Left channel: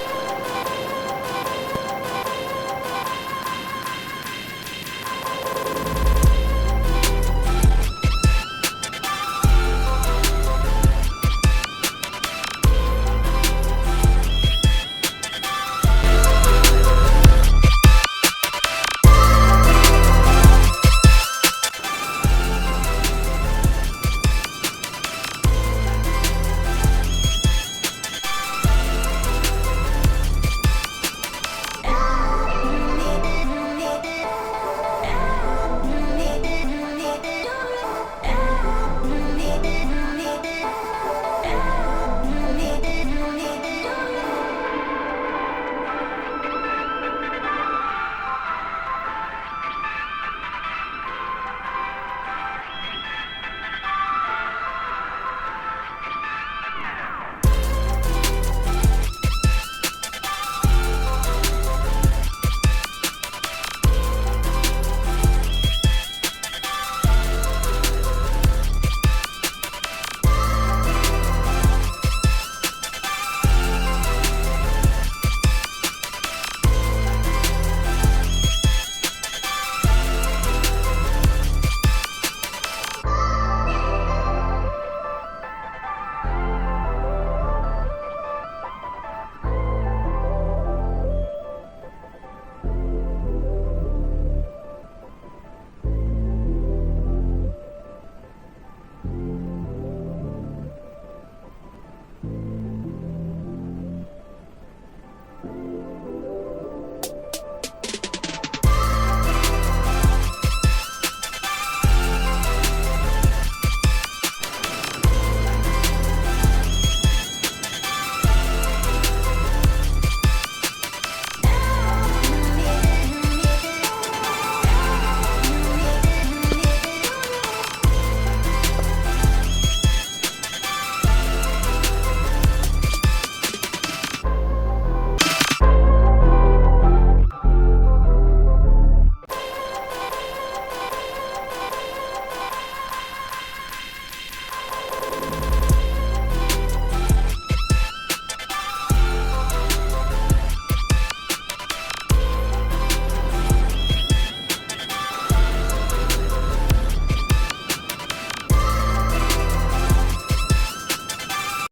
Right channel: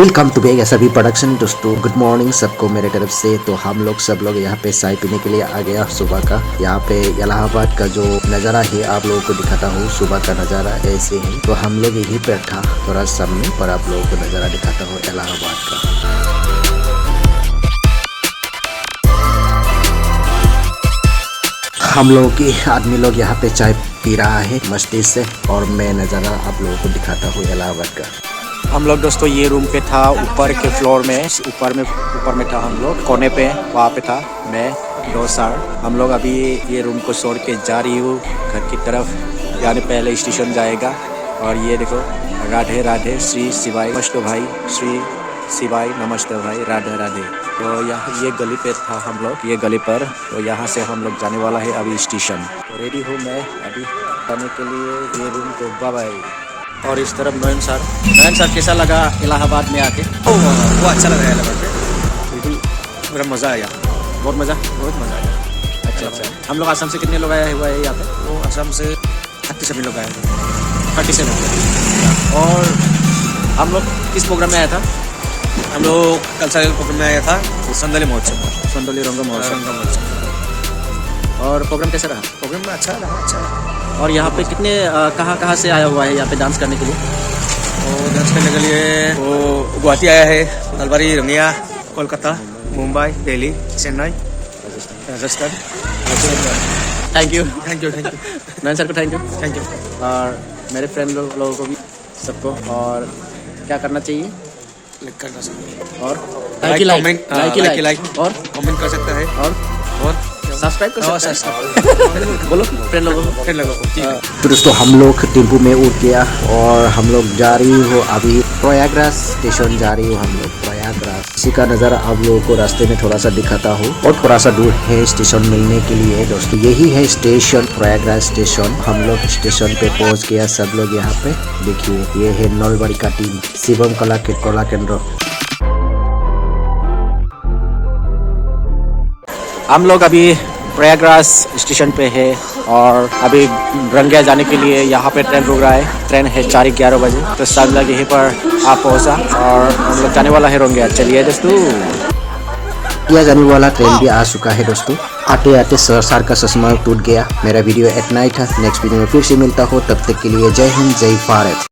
Welcome to beg सभी production. दोस्तों good morning सबको मेरे तरफ से। तो हम लोग सब लोग यहाँ पे चाय पीने के लिए आ गया सुबह का। यहाँ पे इलाहाबाद का जो नज़ारा है आप लोगों को दिखाता हूँ। सुबह का नज़ारा ऐसे ही, तो हम लोग यहीं पे था थोड़ा सामने पर आप लोगों को नज़ारा दिखाता हूँ इलाहाबाद का। हम लोग के आदमी लोग यहाँ पे चाय पी रहा है मस्ती से, और मैं नज़ारा आप लोगों को दिखाता हूँ इलाहाबाद का। हम लोग दोस्तों ये रूम पे था, ऊपर के फ्लोर में, ऊपर में था हम लोग, कोने पे वहाँ पे था मैं दोस्त सर। हम लोग अभी ये रूम को छोड़ के जा रही हूँ घर की तरफ, यानी पहले स्टेशन जाएगा। और ये देखो राधे राधे श्री शिवाय नमस्ते भाई, श्री शिवाय नमस्ते भाई, राधे राधे। तो यहाँ ये गली पे था हम लोग, ये गली पर। तो यहाँ से हम लोग जाने वाला है अभी स्टेशन। रेडी हूँ मैं अभी जाने के लिए ये रूम को। Bye bye. और इस तरफ नयन सर कैसा लगा इलाहाबाद में आके? वो अच्छा लगा इलाहाबाद में, पूरा मज़ा आया, बहुत मज़ा आया। अच्छा, हम लोग असम से कितने लोग आए हुआ है यहाँ पे? वो असम से 37 लोग आए थे। 37 लोग। और हम लोग किस प्रोग्राम में आया था? हम लोग कल्चरल प्रोग्राम में आया था, संदली महोत्सव, संदली रंग महोत्सव। और प्रोग्राम कैसा रहा? प्रोग्राम में अच्छा लगा, अच्छा। और यहाँ पे कितने कहाँ से आया हुआ है यहाँ पे डांस करने के लिए? वो डांस करने के लिए वो गुवाहाटी आया है, Nalbari, Rangia, Kolkata, Mumbai, Delhi, Chennai, Rajasthan. Thank you Nayan sir को थैंक यू। यू। और मेरे फ्रेंड लोगों को भी, सबको। और क्या करना चाहिए? लाइक करना चाहिए और लाइक और कमेंट कर सकता है और सब्सक्राइब कर सकता है। बोलो फ्रेंड लोगों को। तो दोस्तों हम लोग टेम्पो में उठ गया और हम लोग जा रही हो अभी प्रयागराज स्टेशन जा रही हो हम लोग प्रयागराज। इसी का नज़ारा आप लोगों को रास्ते में थोड़ा सा दिखाता हूँ, और थोड़ा सा दूर है स्टेशन मिलने के लिए। दोस्तों यही है स्टेशन, प्रयागराज स्टेशन। हम लोग स्टेशन पे पहुँच गया सब लोग। यहाँ पे देखिए ये है नलबाड़ी का टीम, शिवम कला केंद्र। हम लोग अभी प्रयागराज स्टेशन पे है और अभी रंगिया जाने के लिए यहाँ पे ट्रेन रुक रहा है। ट्रेन है 4:11 बजे, तो सब लोग यहीं पर आ पहुँचा और हम लोग जाने वाला है रंगिया। चलिए दोस्तों, यह जाने वाला ट्रेन भी आ चुका है दोस्तों। आते आते सर का चश्मा टूट गया। मेरा वीडियो इतना ही था। नेक्स्ट वीडियो में फिर से मिलता हो, तब तक के लिए जय हिंद, जय भारत।